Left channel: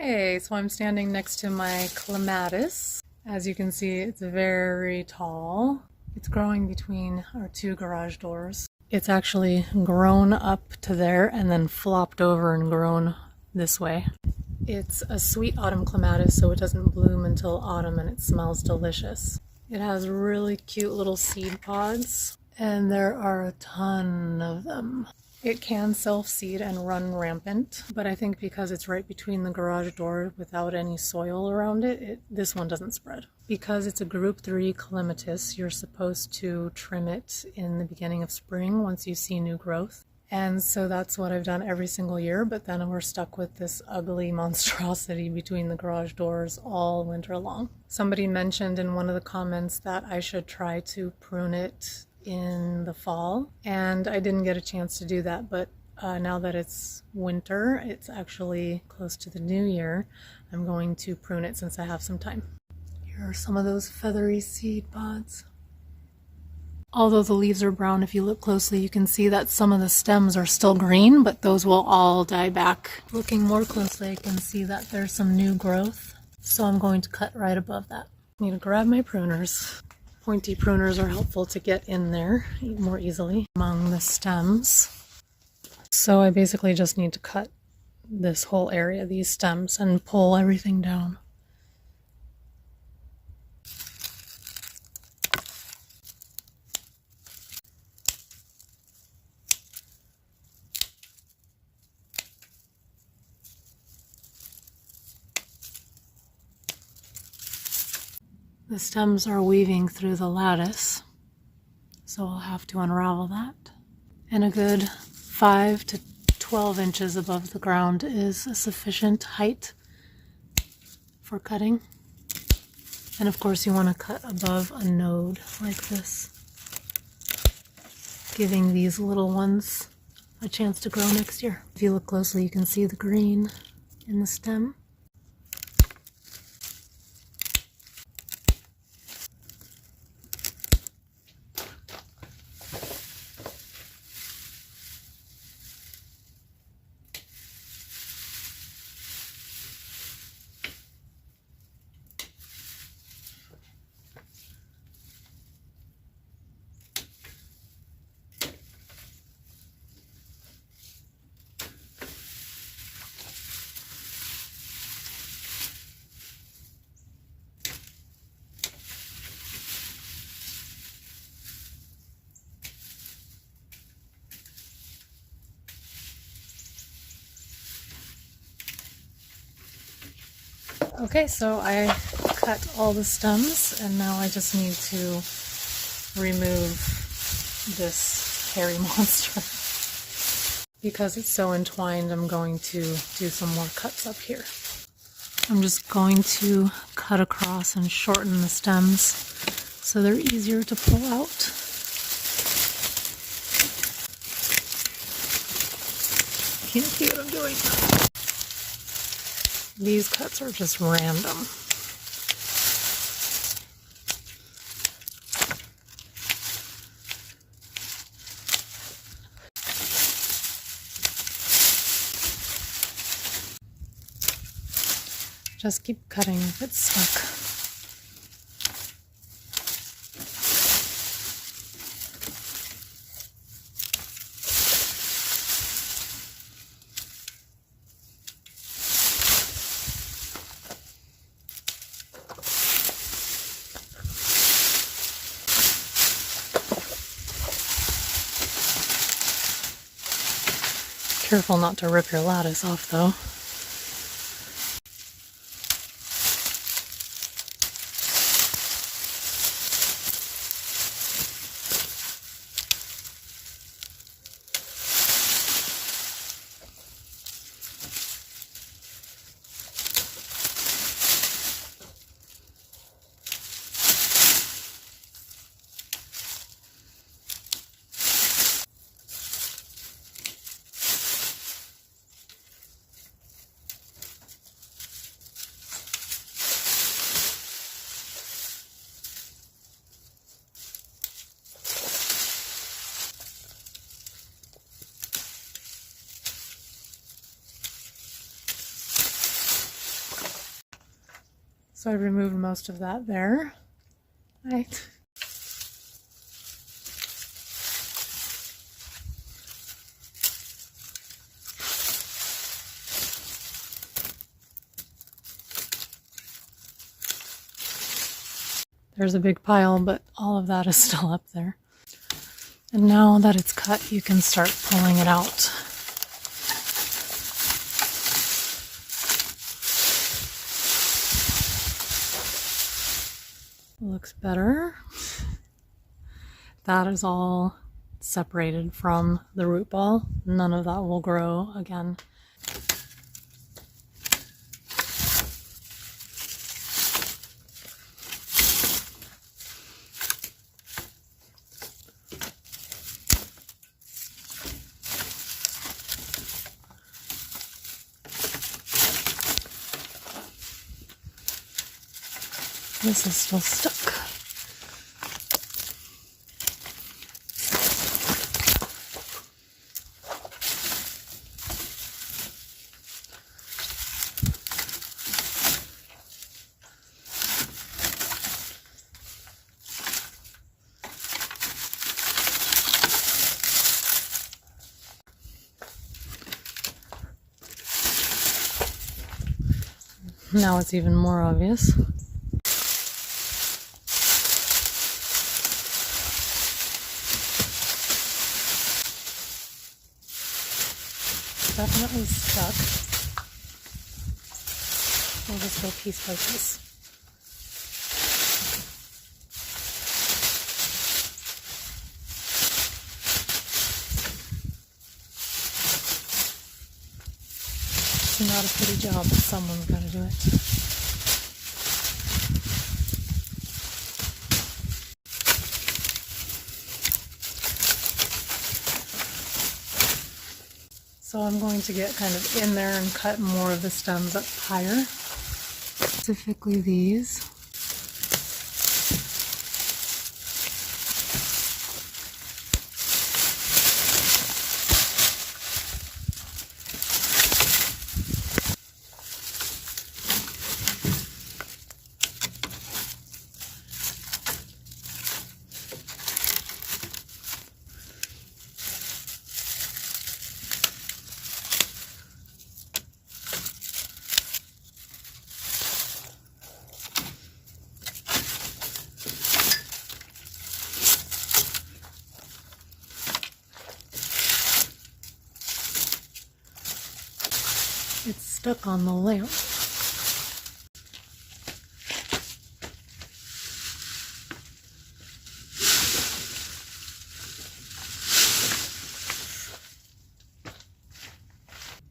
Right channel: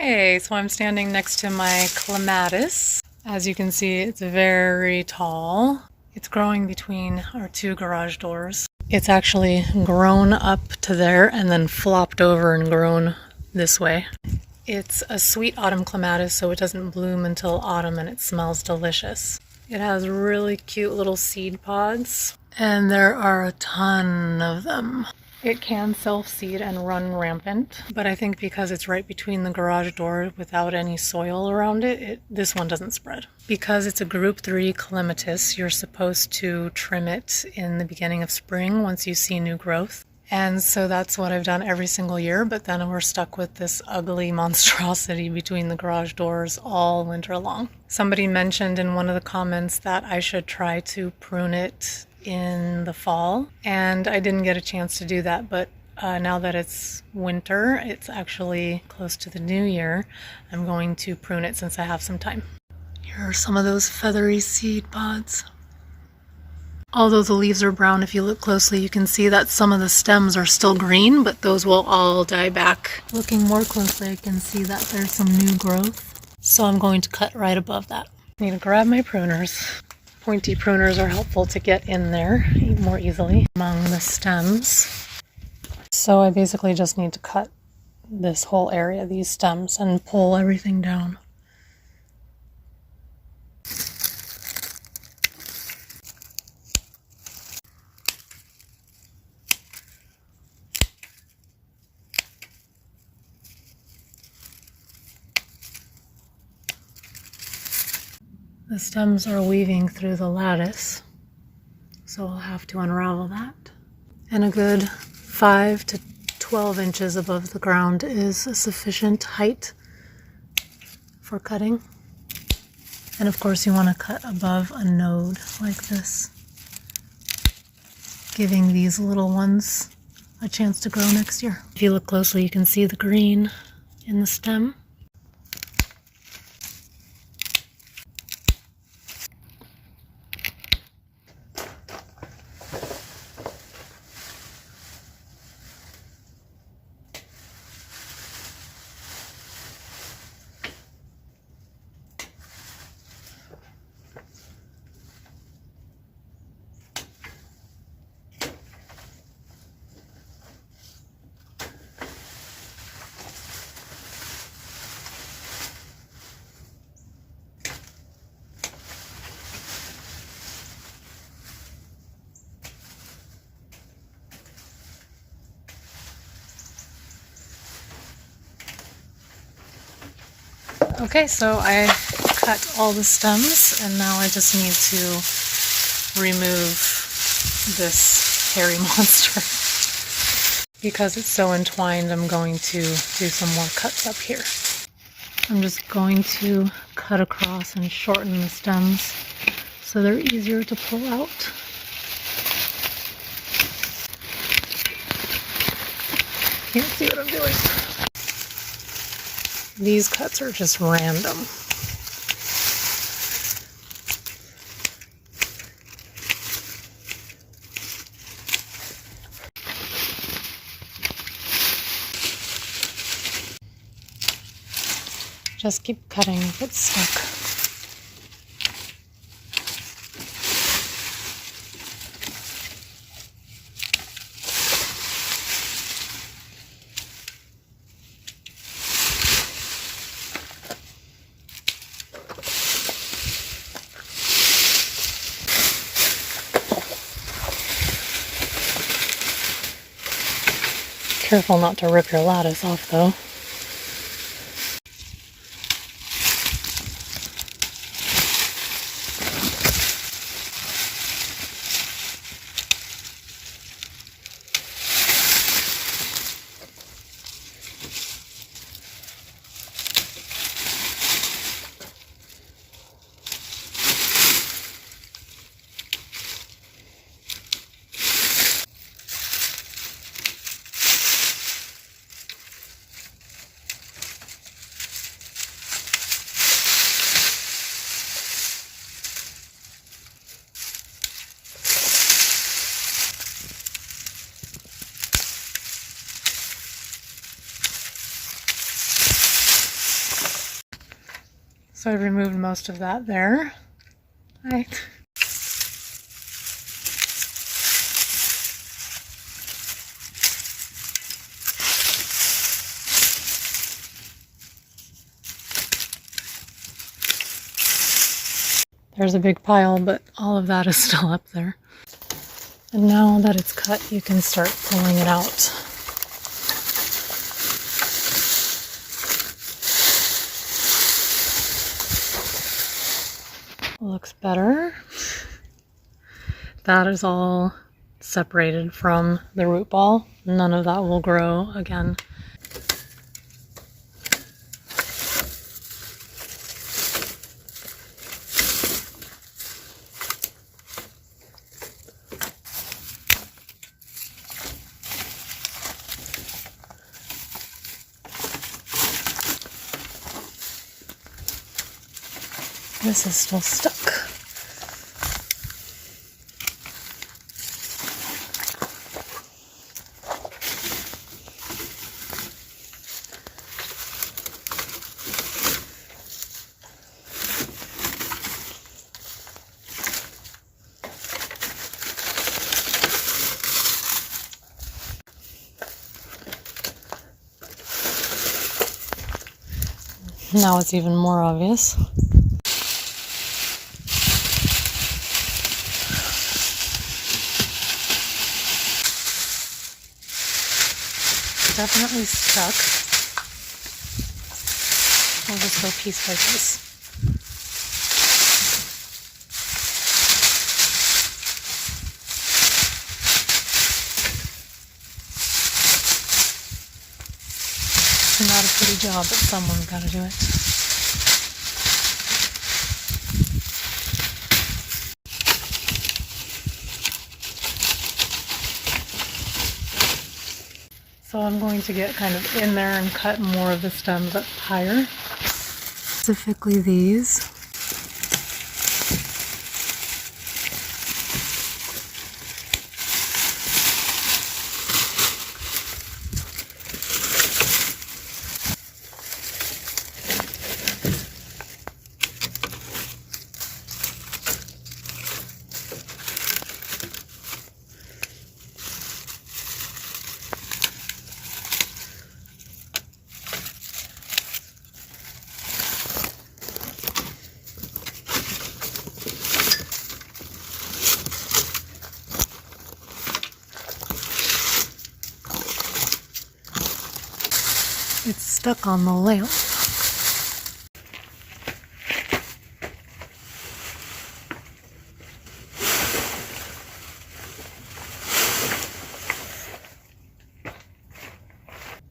Hey, so I'm standing next to my clematis. As you can see, it's very tall. It's growing between our two garage doors. It's actually grown up to there and then flopped over and grown this way. It's a sweet autumn clematis, so it doesn't bloom until autumn and it smells delicious. It has really cute little seed pods, and there are a ton of them. It can self-seed and run rampant, but I think because it's right between the garage door without any soil around it, this one doesn't spread. Because it's a group 3 clematis, you're supposed to trim it in the beginning of spring once you see new growth. And so that's what I've done every single year, but then we're stuck with this ugly monstrosity between the garage doors all winter long. Somebody mentioned in one of the comments that I should try to prune it in the fall, and I didn't get a chance to do that, but now that it's winter, it's actually close to the new year, I'm going to prune it since I have some time. Here are some of those feathery seed pods. Although the leaves are brown, if you look closely, you can see that some of the stems are still green, but those will all die back. Looking more closely, I can see that there's some new growth, so I'm going to cut right above that. I need to grab my pruners. Pointy pruners are helpful to get in there more easily among the stems. So I basically just need to cut this whole area, these stems, and pull everything down. The stems are weaving through the lattice, so I'll have to unravel that. And a good 5 to 12 inches above the ground is a sufficient height for cutting. And of course you want to cut above a node like this, giving these little ones a chance to grow next year. If you look closely, you can see the green in the stem. Okay, so I cut all the stems, and now I just need to remove this hairy monster. Because it's so entwined, I'm going to do some more cuts up here. I'm just going to cut across and shorten the stems so they're easier to pull out. Can't see what I'm doing. These cuts are just random. Just keep cutting if it's stuck. Careful not to rip your lattice off, though. So I removed most of that there. Hi. There's a big pile, but all of that is still up there. And now that it's cut, you can start pulling it out. Looks better. That is all separated from the root ball. None of that will grow again. This is still stuck. Now it's even more obvious. Definitely stuck. We'll just go piece by piece. Not a pretty job, but someone's got to do it. So I'm going to get kind of in there and cut more of the stems up higher. Specifically these. It's stuck on the lamp.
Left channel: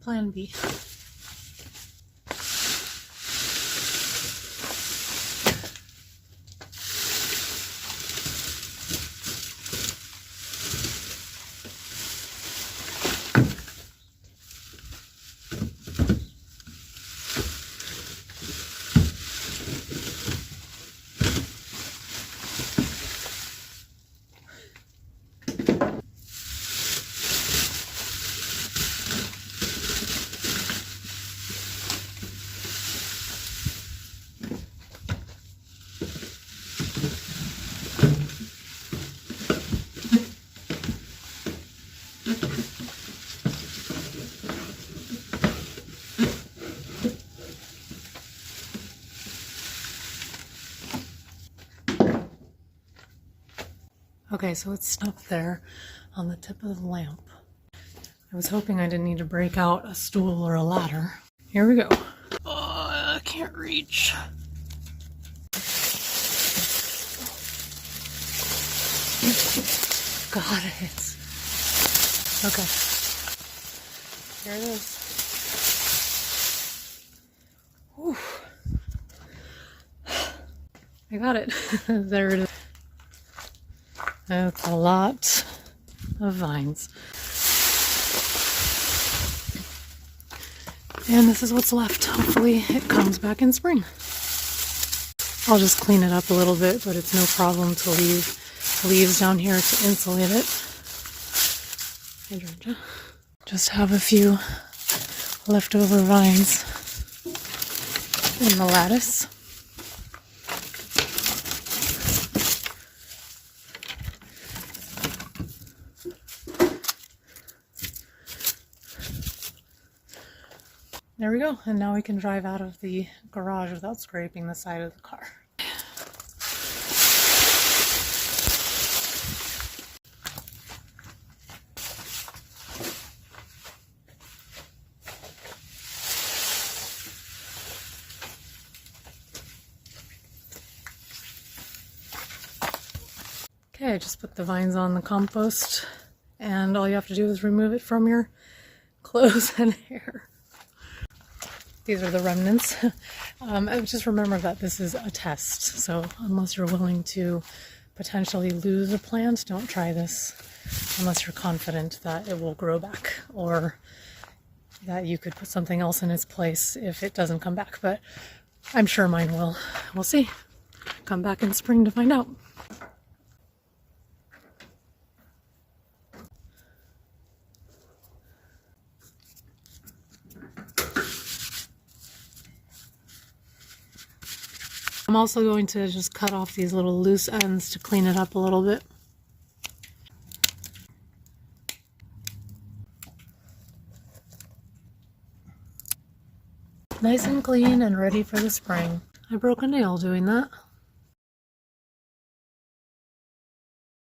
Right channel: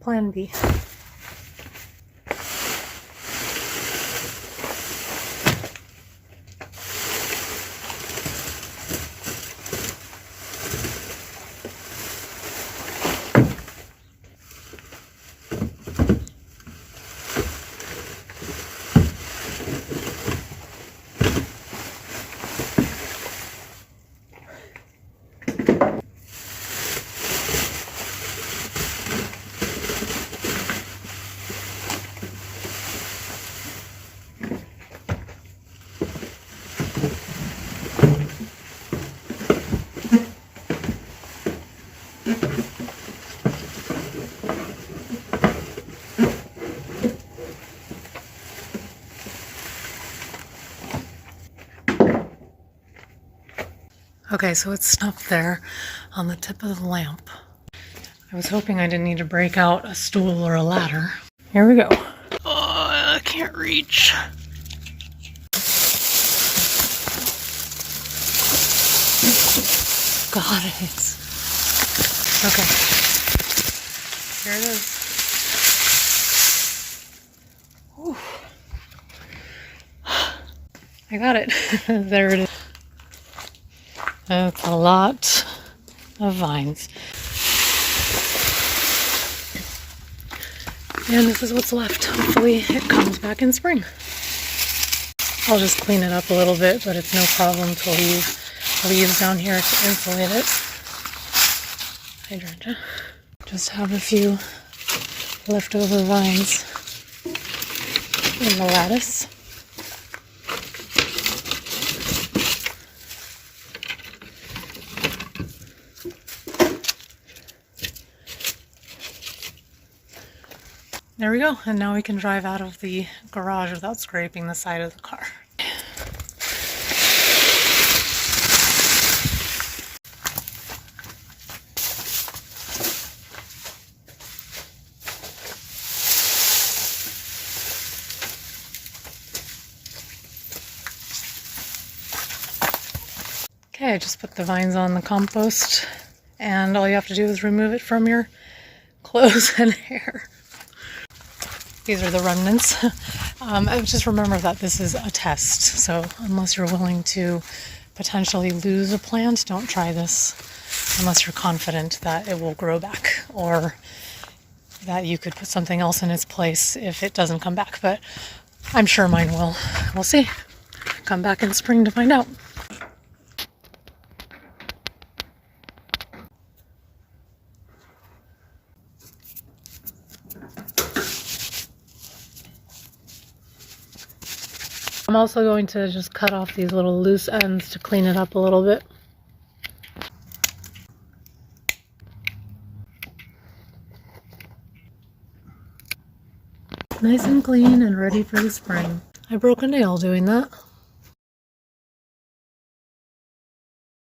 Plan B. Okay, so it's stuck there on the tip of the lamp. I was hoping I didn't need to break out a stool or a ladder. Here we go. Oh, I can't reach. Got it. Okay. Here it is. Oof. I got it. There it is. That's a lot of vines. And this is what's left. Hopefully it comes back in spring. I'll just clean it up a little bit, but it's no problem to leave leaves down here to insulate it. Hydrangea. Just have a few leftover vines in the lattice. There we go, and now we can drive out of the garage without scraping the side of the car. Okay, I just put the vines on the compost, and all you have to do is remove it from your clothes and hair. These are the remnants. Just remember that this is a test, so unless you're willing to potentially lose a plant, don't try this unless you're confident that it will grow back or that you could put something else in its place if it doesn't come back, but I'm sure mine will. We'll see. Come back in spring to find out. I'm also going to just cut off these little loose ends to clean it up a little bit. Nice and clean and ready for the spring. I broke a nail doing that.